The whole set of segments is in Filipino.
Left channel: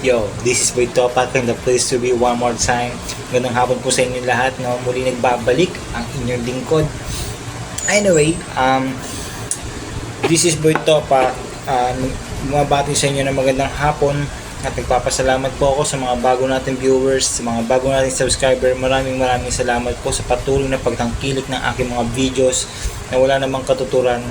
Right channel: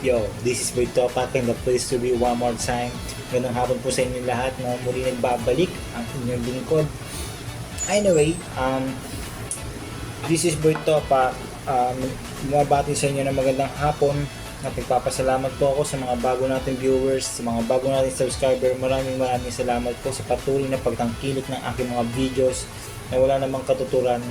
Yo, this is Boy Topak and the place to be one more time. Magandang hapon po sa inyo lahat, no? Muli nagbabalik ang inyong lingkod. Anyway, this is Boy Topak. Bumabati sa inyo ng magandang hapon at nagpapasalamat po ako sa mga bago nating viewers, sa mga bago nating subscriber. Maraming salamat po sa patuloy na pagtangkilik ng aking mga videos na wala namang katuturan,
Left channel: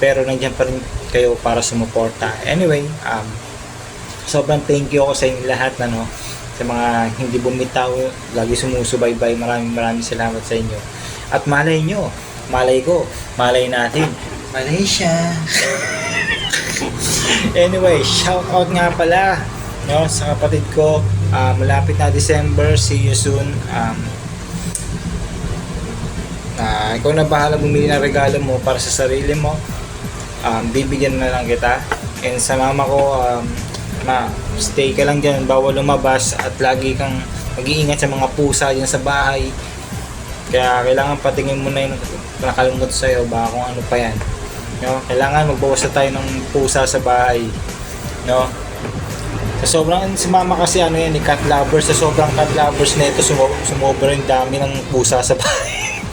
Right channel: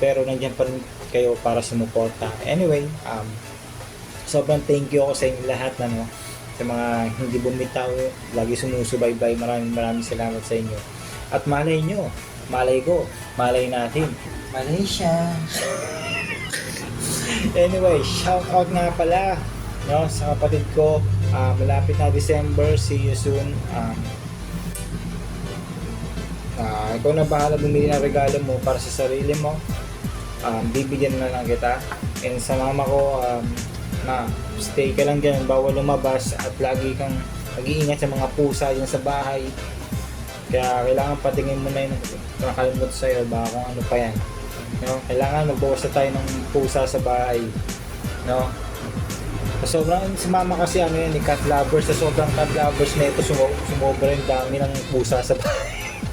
pero nandiyan pa rin kayo para sumuporta. Anyway, sobrang thank you ako sa inyo lahat na, no, sa mga hindi bumitaw, lagi sumusubaybay. Maraming salamat sa inyo. At malay nyo, malay ko, malay natin, malay siya. Anyway, shout out nga pala, no, sa kapatid ko. Malapit na December, see you soon. Ikaw na bahala bumili ng regalo mo para sa sarili mo. Bibigyan na lang kita. And sa mama ko, stay ka lang dyan, bawal lumabas at lagi kang mag-iingat sa mga pusa dyan sa bahay. Kaya kailangan patingin mo na yung nakalimutan sa'yo, baka kung ano pa yan, no? Kailangan magbawas na tayo ng pusa sa bahay, no? So, sobrang si mama kasi ano yan, cat lovers. Sa sobrang cat lovers na ito, sumobra yung dami ng pusa sa bahay.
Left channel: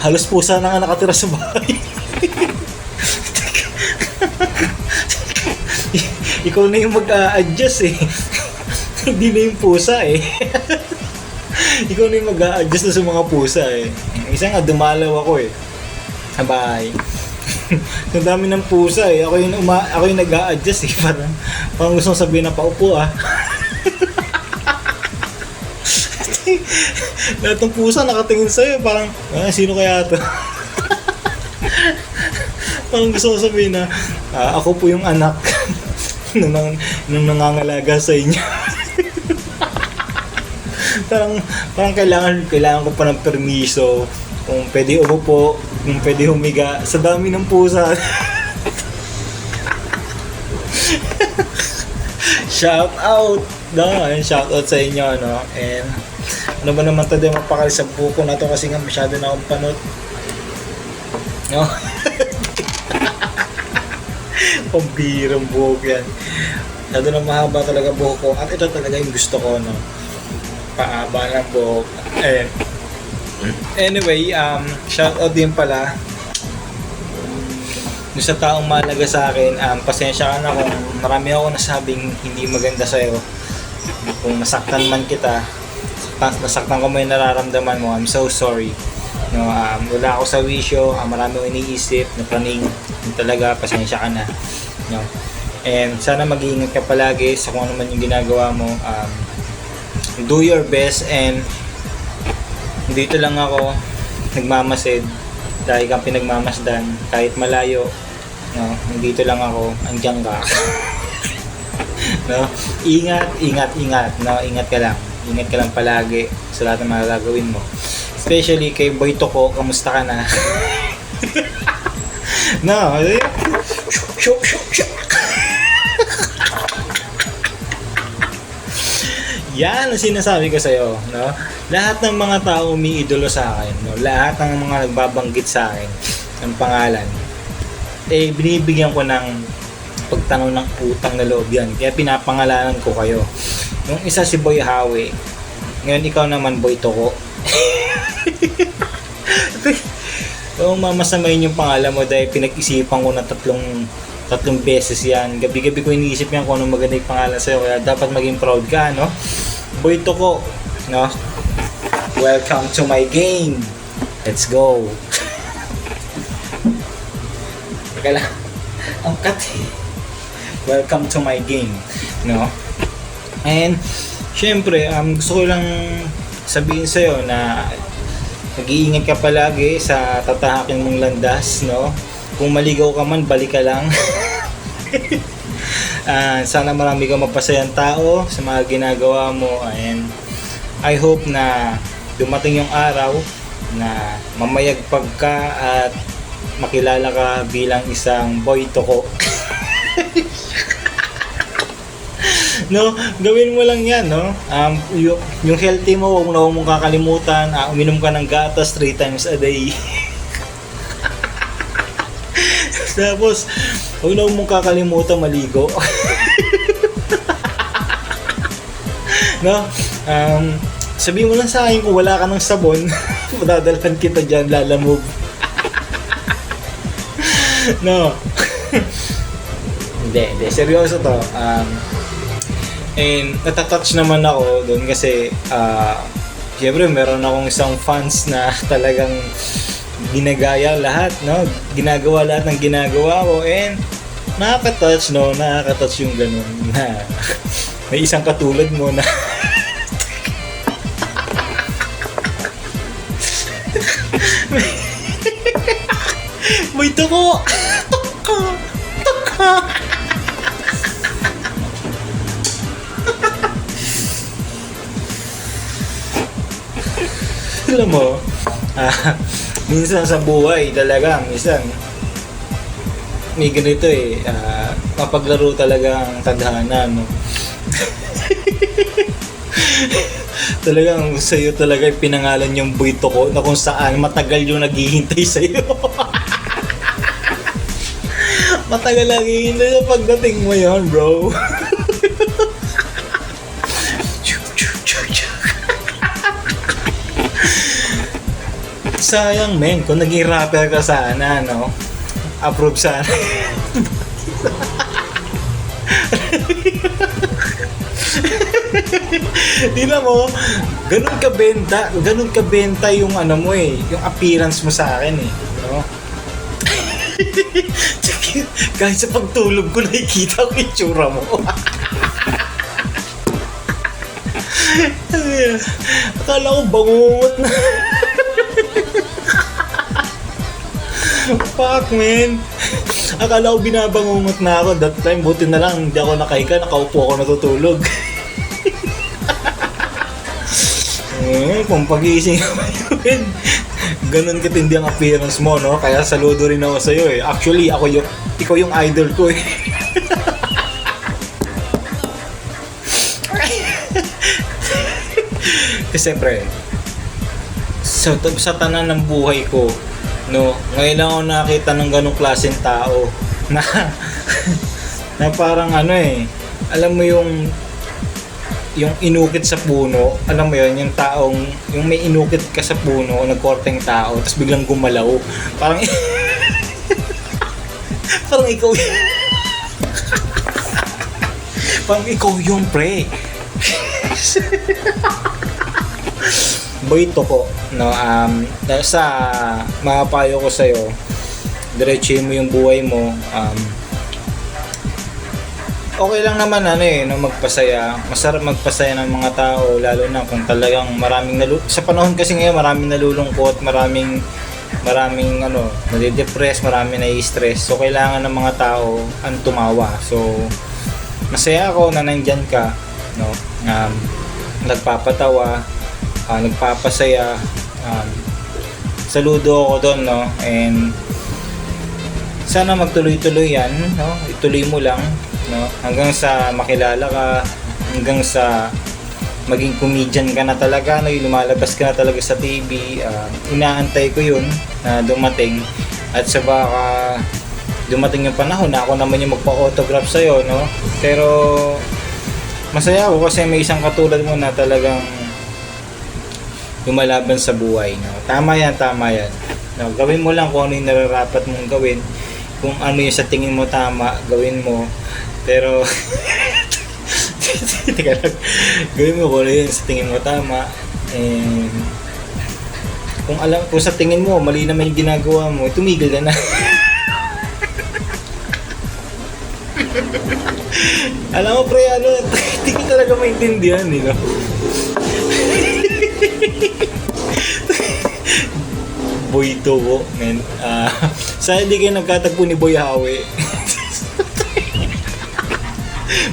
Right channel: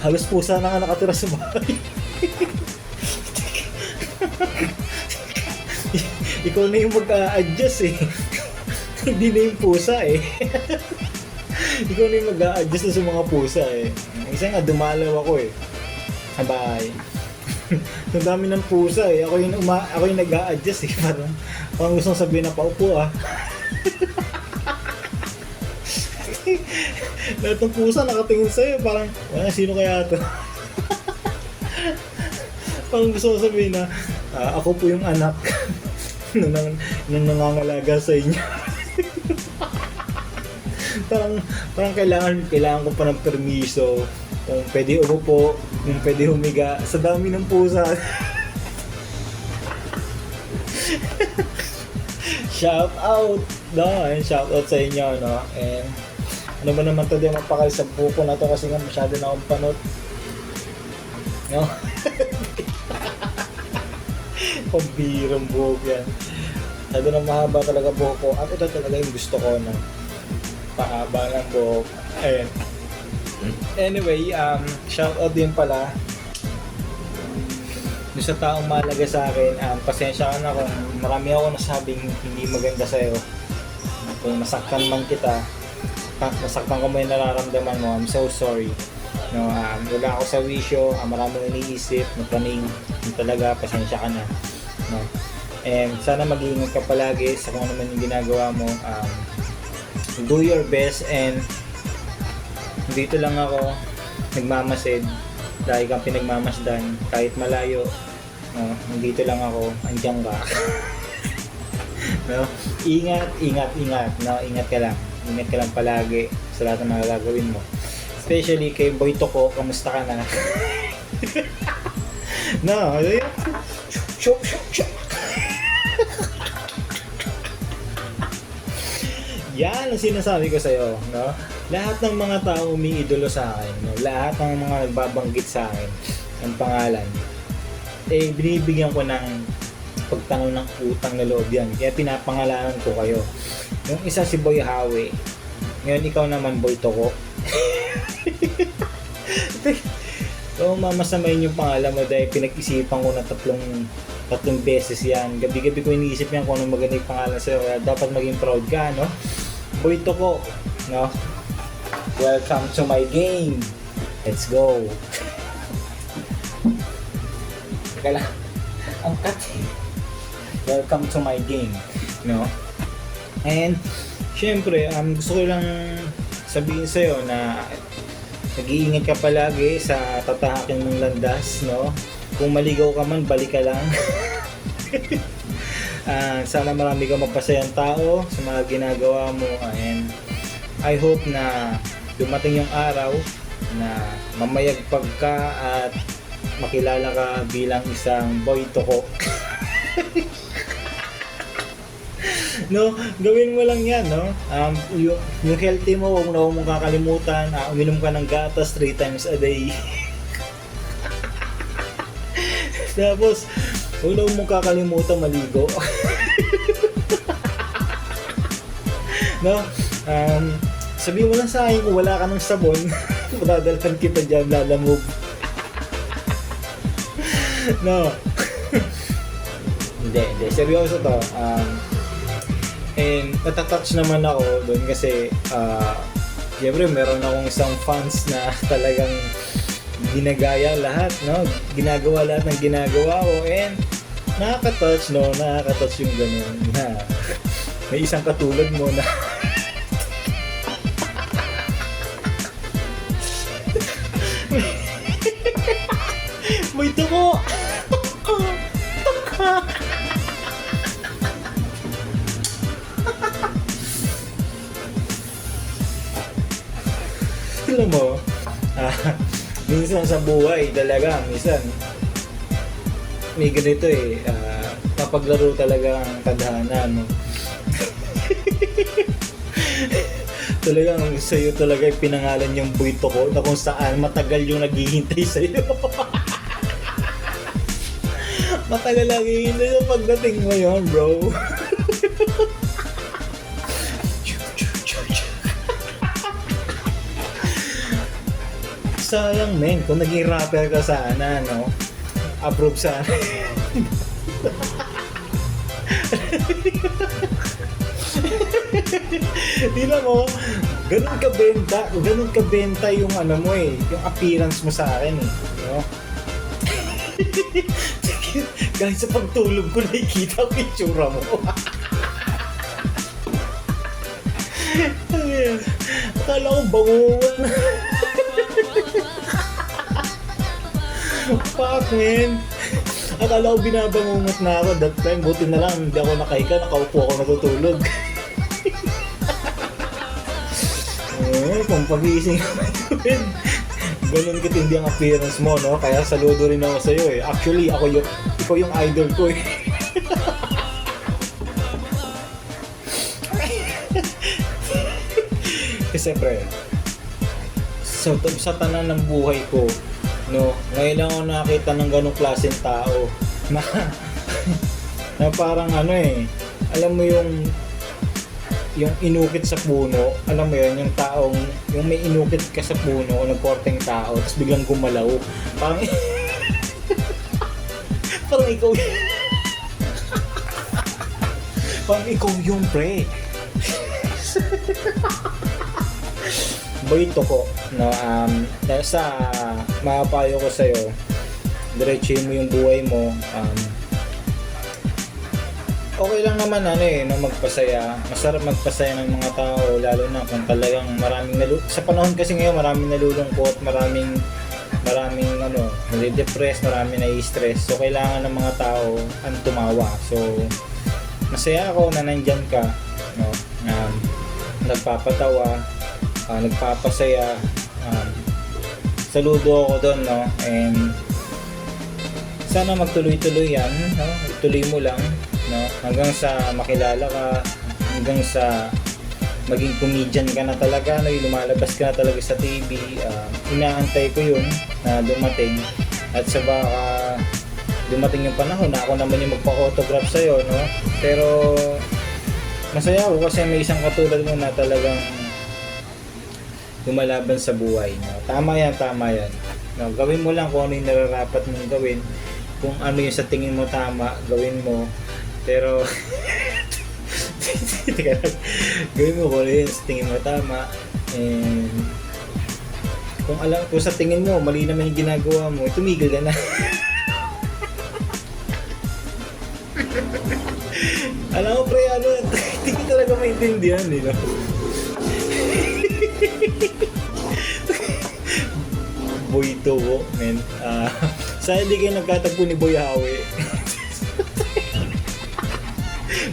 Halos pusa na nga nakatira sa bahay. Ikaw na yung mag-a-adjust eh. Hindi na yung pusa eh. Ikaw na yung mag-a-adjust na sa mga pusa eh. Isa nga, dumalaw ako eh. Sabay. Ang dami ng pusa eh. Ako yung nag-a-adjust eh. Parang gusto kong sabihin na paupo ah. Lahat ng pusa nakatingin sa'yo. Parang, sino kaya ito? Parang gusto kong sabihin na, ako po yung anak nung nangangalaga sa inyo. parang kailangan ko pa ng permiso kung pwede umupo, kung pwede humiga sa dami ng pusa. Shout out, no? Shout out sa inyo, no? And ano ba naman tayo mapakali sa buko na to kasi nga masyado na akong panot, no? Pambirang buhok yan. Lalo nang mahaba talaga buhok ko. At ito talaga yung gusto ko, no? Paaba ng buhok. Anyway, shout out din pala doon sa taong mahalaga sa akin. Pasensya ka na kung marami ako nasabing hindi maganda sa'yo. Kung nasaktan man kita, nasaktan ko mo yung nararamdaman mo, I'm so sorry. No, wala ako sa wisyo, marami akong iniisip, napraning, talaga, pasensya ka na, no? And sana mag-iingat ka palagi sa kung ano man yung ginagawa mo. Do your best, and dito lang ako nagmamasid dahil kang pinagmamasdan kahit malayo, no? Nandito lang ako, andiyan ka. No? Ingat, no? Ingat ka lang palagi sa lahat ng mga gagawin mo. Especially kay Boy Toko, kamusta ka na? No, yan ang sinasabi ko sa'yo, no? Lahat ng mga tao umiidolo sa akin, no? Lahat ng mga nagbabanggit sa akin ng pangalan, eh binibigyan ko ng pagtanong ng utang na loob yan. Kaya pinapangalanan ko kayo. Yung isa si Boy Hawi, ngayon ikaw naman Boy Toko. So, mamasamayin yung pangalan mo dahil pinag-isipan ko na tatlong beses yan. Gabi-gabi ko iniisip yan kung anong maganda yung pangalan sa'yo. Kaya dapat maging proud ka, no? Boy Toko, no? Welcome to my game. Let's go. Teka lang. Ang cut. Welcome to my game, no? And syempre, gusto ko lang sabihin sa'yo na nag-iingat ka palagi sa tatahakin mong landas, no? Kung maligaw ka man, balik ka lang. Sana marami kang mapasayang tao sa mga ginagawa mo, and I hope na dumating yung araw na mamayagpag ka at makilala ka bilang isang Boy Toko. No, gawin mo lang yan, no? Yung healthy mo, huwag na huwag mong kakalimutan. Uminom ka ng gatas 3 times a day. Tapos, huwag na huwag mong kakalimutan maligo. No? Sabihin mo lang sa akin kung wala ka ng sabon, madadalhan kita dyan, lalamove. No. Hindi. Seryoso to. And natatouch naman ako doon kasi siyempre meron akong isang fans na talagang ginagaya lahat, no? Ginagawa lahat ng ginagawa ko and nakaka-touch, no? Nakaka-touch yung ganun na may isang katulad mo na may tuko! Alam mo, minsan sa buhay talaga, minsan may ganito mapaglaro talaga ang tadhana, no? Talagang sa'yo talaga pinangalan yung buwito ko na kung saan matagal yung naghihintay sa'yo. Matagal naghihintay sa pagdating mo yun, bro. Sayang, men, kung naging rapper ka sana, no? Approve sana. Di na mo, ganun ka benta yung ano mo yung appearance mo sa akin no? Kahit sa pagtulog ko nakikita ko yung tsura mo. Akala ko bangungot na. Fuck, man. Akala ko binabangungot na ako that time. Buti na lang hindi ako nakahiga, nakaupo ako natutulog. Kung pag-iising ako yun, ganun katindi ang appearance mo, no? Kaya saludo rin ako sa'yo Actually, ikaw yung idol ko Kasi pre, sa tanan ng buhay ko, no, ngayon lang ako nakita ng ganung klaseng tao na parang alam mo yung inukit sa puno, alam mo yun, yung taong, yung may inukit ka sa puno, nagkorteng tao, tapos biglang gumalaw. Parang, parang ikaw yun. Parang ikaw yung pre. Boyto ko, no, sa mapapayo ko sa'yo, diretsuhin mo yung buhay mo, okay lang naman no, magpasaya. Masarap magpasaya ng mga tao, lalo na kung talagang sa panahon kasi ngayon maraming nalulungkot, maraming nade-depress, maraming nai-stress. So kailangan ng mga tao tumawa. So masaya ako na nandyan ka, no. Nagpapatawa, nagpapasaya. Saludo ako doon, no. And sana magtuloy-tuloy yan, no. Ituloy mo lang, no, hanggang sa makilala ka, hanggang sa maging comedian ka na talaga, no, yung lumalabas ka na talaga sa TV. Inaantay ko yun na dumating, at sa baka dumating yung panahon na ako naman yung magpa-autograph sa'yo, no. Pero masaya ako kasi may isang katulad mo na talagang lumalaban sa buhay, no. Tama yan, no, gawin mo lang kung ano yung nararapat mong gawin. Kung ano yung sa tingin mo tama, gawin mo. Pero gawin mo kung ano yung sa tingin mo tama. And kung sa tingin mo mali naman yung ginagawa mo, tumigil ka na. Alam mo pre, hindi ko talaga maintindihan, no? Boy Tubo, man. Sana hindi kayo nagkatagpo ni Boy Hawe.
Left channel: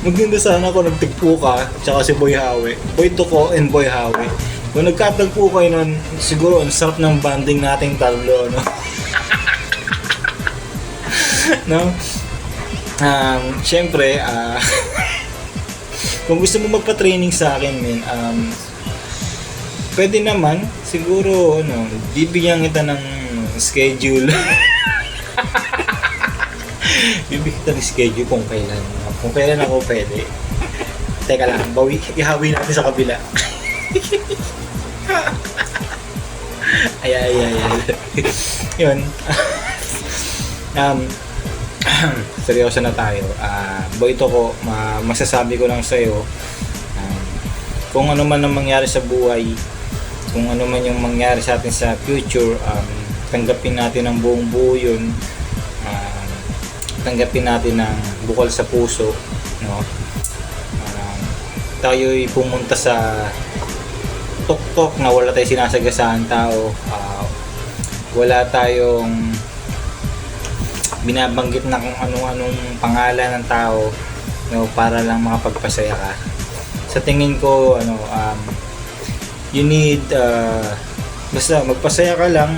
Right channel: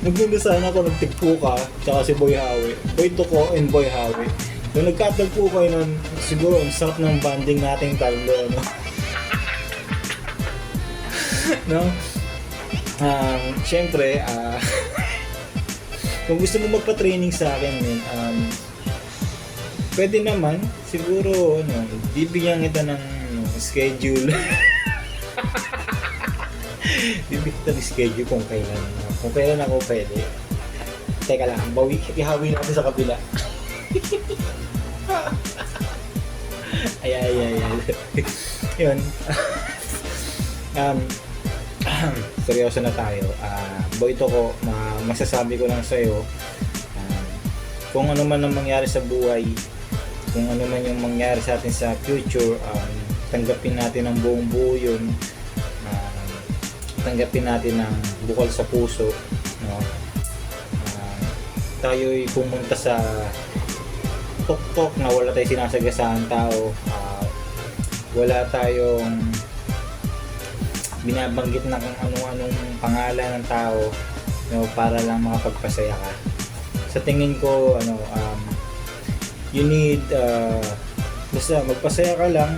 Maganda sana kung nagtigpo ka, tsaka si Boy Hawe. Boy Tuko and Boy Hawe. Kung nagkatagpo kayo nun, siguro ang sarap ng banding nating tatlo, no? No? Siyempre, Kung gusto mo magpa-training sa akin, men, pwede naman. Siguro, bibigyan kita ng schedule. Bibigyan kita ng schedule kung kailan. Kung kailan ako pwede. Teka lang, ihawi natin sa kabila. ay. Yun. Seryoso na tayo. Ito ko, masasabi ko lang sa'yo, kung ano man ang mangyari sa buhay, kung ano man yung mangyari sa atin sa future, tanggapin natin ang buong buo yun. Tanggapin natin ng bukal sa puso, no? Tayo'y pumunta sa tuktok na wala tayong sinasagasaan tao, wala tayong binabanggit na kung anong pangalan ng tao, no, para lang makapagpasaya ka. Sa tingin ko, you need, basta magpasaya ka lang,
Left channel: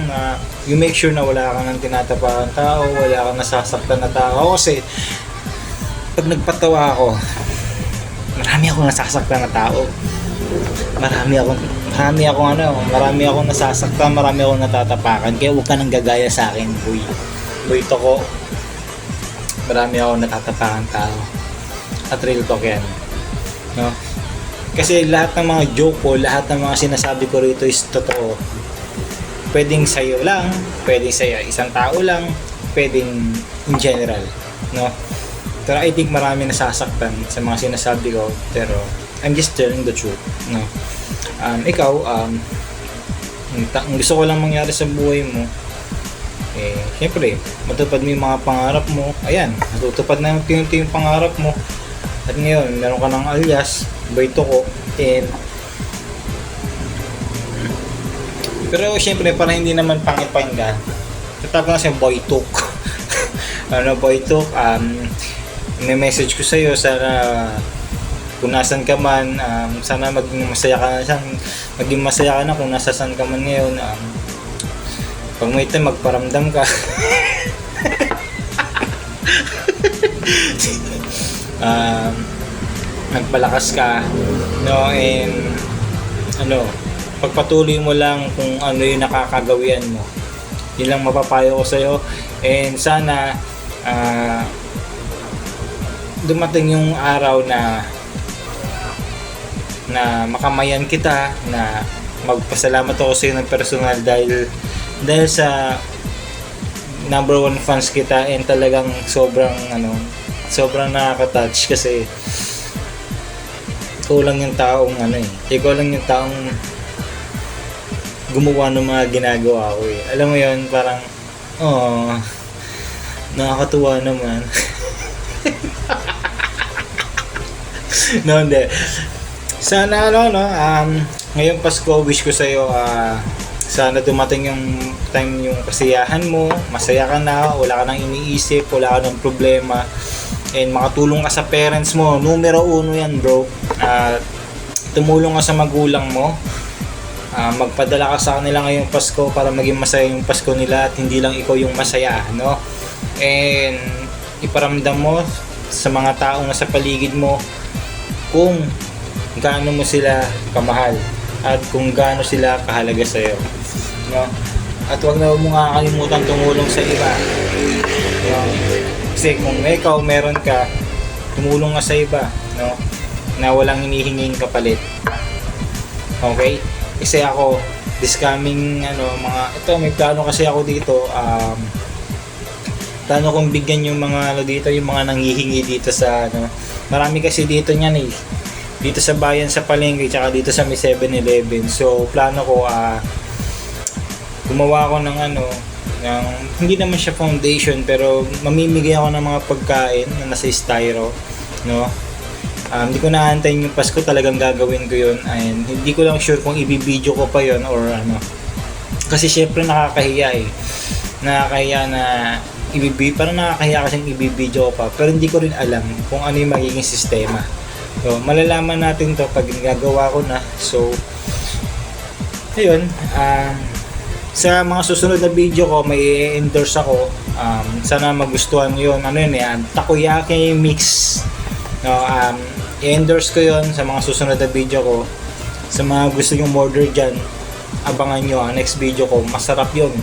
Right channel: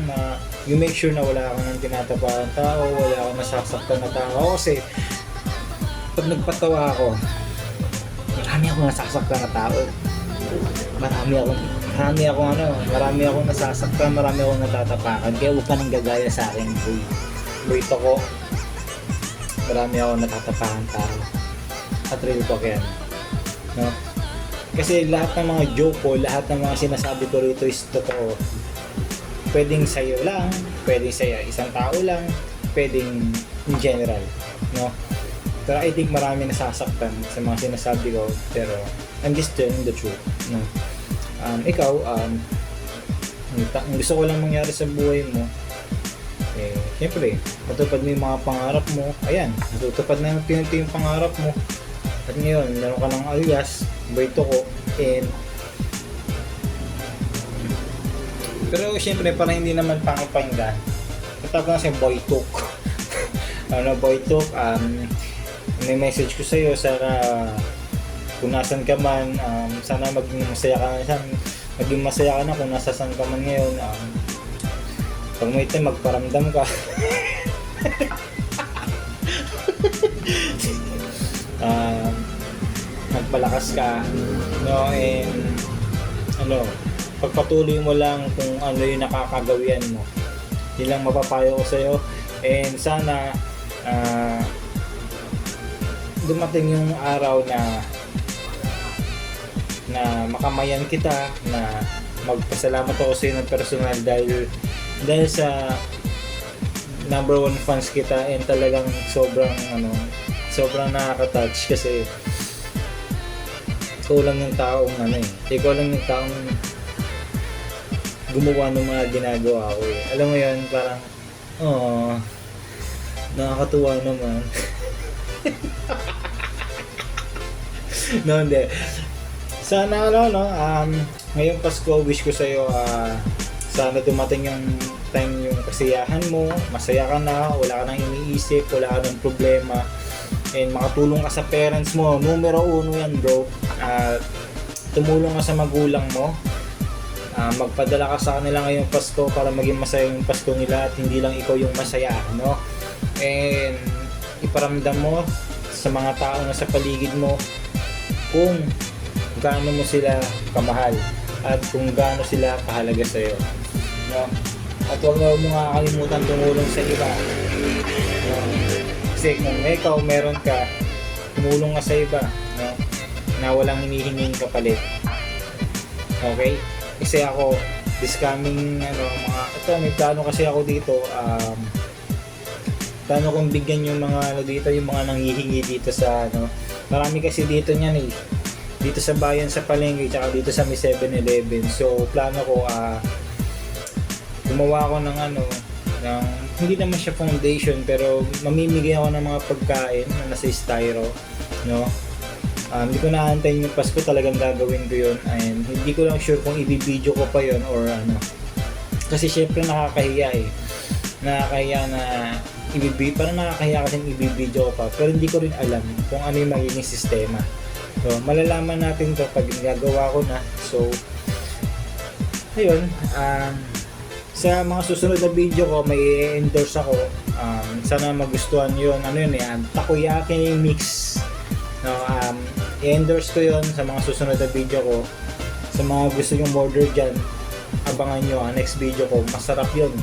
you make sure na wala kang tinatapang tao, wala kang nasasaktan na tao. Kasi pag nagpatawa ako, marami akong nasasaktan na tao. Marami akong nasasaktan, marami akong natatapakan. Kaya huwag ka nang gagaya sa akin, boy. Ito ko, marami akong natatapakan tao. At real talk yan, no? Kasi lahat ng mga joke ko, lahat ng mga sinasabi ko rito is totoo. Pwedeng sa'yo lang, pwedeng sa'yo isang tao lang, pwedeng in general, no? Pero I think marami nasasaktan sa mga sinasabi ko, pero I'm just telling the truth, no? Ikaw, ang gusto ko lang mangyari sa buhay mo, siyempre, matupad mo yung mga pangarap mo. Ayan, matutupad na yung pangarap mo. At ngayon, meron ka ng alias, Boyto ko, and pero siyempre, para hindi naman pangipangga, natawag na siyang Boytok. Boytok, may message ko sa'yo, sana kung nasan ka man, sana maging masaya ka na kung nasasan ka man ngayon. Pag may time, magparamdam ka. Magpalakas ka, no? And pagpatuloy mo lang kung ano yung nakakagawian mo. Yun lang mapapayo ko sa'yo. And sana dumating yung araw na makamayan kita, na magpasalamat ako sa'yo ng personal dahil sa number 1 fans kita, and talagang sobrang nakaka-touch kasi ikaw lang yung taong gumawa ng mga ginagawa ko. Alam mo yun, parang nakakatuwa naman. No, hindi. Sana ngayong Pasko, wish ko sa'yo, sana dumating yung time yung kasiyahan mo, masaya ka na, wala ka nang iniisip, wala ka nang problema, and makatulong ka sa parents mo. Numero 1 yan, bro. Tumulong ka sa magulang mo, magpadala ka sa kanila ngayong Pasko para maging masaya yung Pasko nila at hindi lang ikaw yung masaya, no? And iparamdam mo sa mga taong nasa paligid mo kung gaano mo sila kamahal at kung gaano sila kahalaga sa'yo, no? At huwag na mo nga kalimutan tumulong sa iba, no? Kasi kung ikaw meron ka, tumulong ka sa iba, no? Na walang hinihinging kapalit. Okay? Kasi ako, this coming may plano kasi ako dito, plano kong bigyan yung mga yung mga nanghihingi dito sa marami kasi dito niyan dito sa bayan sa palengke, tsaka dito sa may 7-Eleven. So plano ko gumawa ako ng hindi naman siya foundation, pero mamimigay ako ng mga pagkain na nasa styro, no? Hindi ko naantay yung Pasko, talagang gagawin ko yun, and hindi ko lang sure kung ibibideo ko pa yun or kasi syempre nakakahiya na parang nakakahiya kasing ibibideo ko pa, pero hindi ko rin alam kung ano yung magiging sistema. So malalaman natin to pag ginagawa ko na. So ayun, sa mga susunod na video ko may endorse ako, sana magustuhan yun. Takoyaki mix, no? i-endorse ko yon sa mga susunod na video ko. Sa mga gusto yung order dyan, abangan nyo ang next video ko. Masarap yun,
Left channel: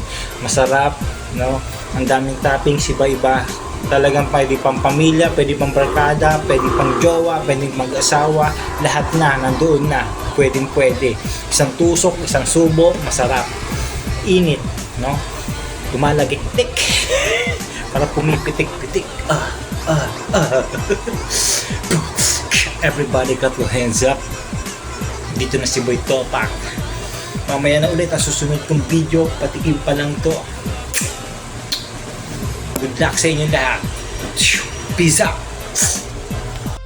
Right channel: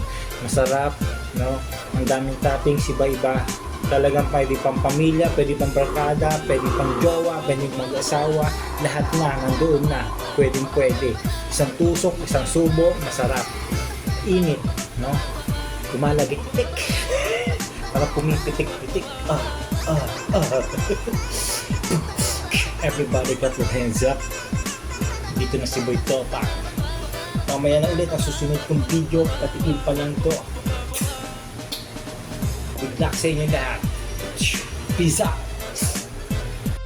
masarap, no? Ang daming toppings, iba-iba. Talagang pwede pang pamilya, pwede pang barkada, pwede pang jowa, pwede mag-asawa, lahat na, nandoon na, pwedeng pwede. Isang tusok, isang subo, masarap. Init, no? Lumalagik-tik. Parang pumipitik-pitik. Everybody got your hands up. Dito na si Boy Topak. Mamaya na ulit ang susunod kong video, patikim pa lang to. Good luck sa inyo lahat. Peace out.